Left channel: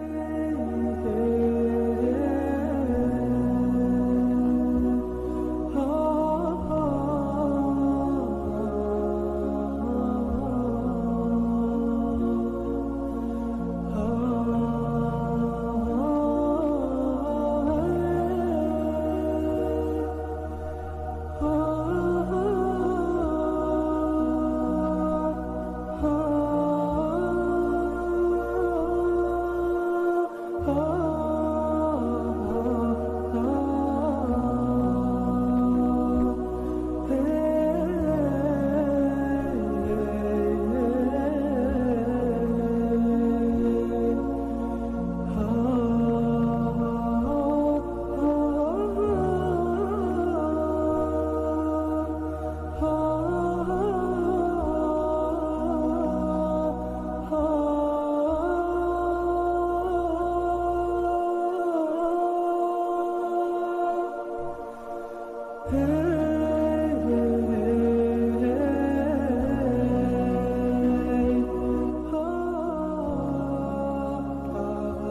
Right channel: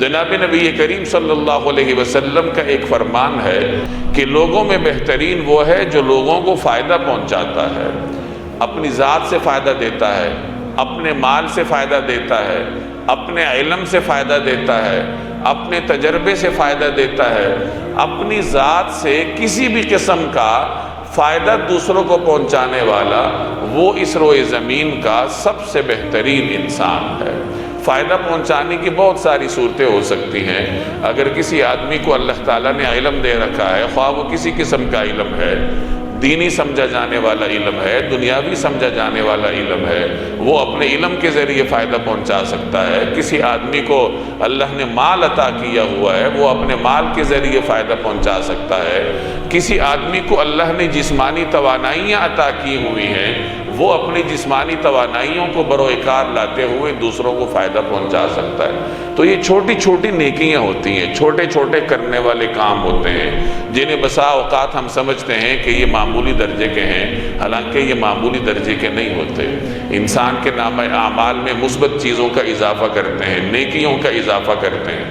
جناب نبی کریم صلی اللہ علیہ وسلم کا ایک فرمان ہے کہ لوگوں میں بہترین وہ ہے جو لوگوں کو فائدہ پہنچاتا ہے، اپنی ذات سے فائدہ دیتا ہے، اپنے مال سے فائدہ دیتا ہے، اپنے علم سے فائدہ دیتا ہے، اپنے تجربے سے فائدہ دیتا ہے، اپنی ذات سے کسی بھی قسم کا فائدہ دوسروں کو پہنچانے والا وہ اس روئے زمین کا سب سے بہترین انسان ہے۔ فائدہ پہنچانے کی بہت ساری صورتیں ہو سکتی ہیں۔ اگر کسی آدمی کو اللہ تعالیٰ نے علم دے رکھا ہے، خواہ وہ کسی قسم کا علم ہے، دینی سمجھا جانے والا علم ہے، دنیاوی سمجھا جانے والا علم ہے، وہ اپنے علم کے ذریعے فائدہ پہنچا سکتا ہے۔ کسی آدمی کو اللہ نے مال عطا کیا ہوا ہے، وہ اپنے مال کے ذریعے فائدہ پہنچا سکتا ہے۔ کسی آدمی کو اللہ نے جسمانی توانائیاں عطا کی ہوئی ہیں، وہ اپنی جسمانی توانائیوں کو بروئے کار لاتے ہوئے دوسروں کو فائدہ پہنچا سکتا ہے۔ تو یہ چھوٹی چھوٹی نیکیاں ہوتی ہیں، چھوٹے چھوٹے کرنے والے کام ہوتے ہیں، جنہیں بسا اوقات ہم سمجھتے ہیں کہ یہ معمولی درجے کے ہیں، حالانکہ یہ معمولی درجے کے نہیں ہوتے۔ انسان کے نامہ اعمال میں مثبت چیزوں کا اضافہ کرتے ہیں، نیکیوں کا اضافہ کرتے ہیں۔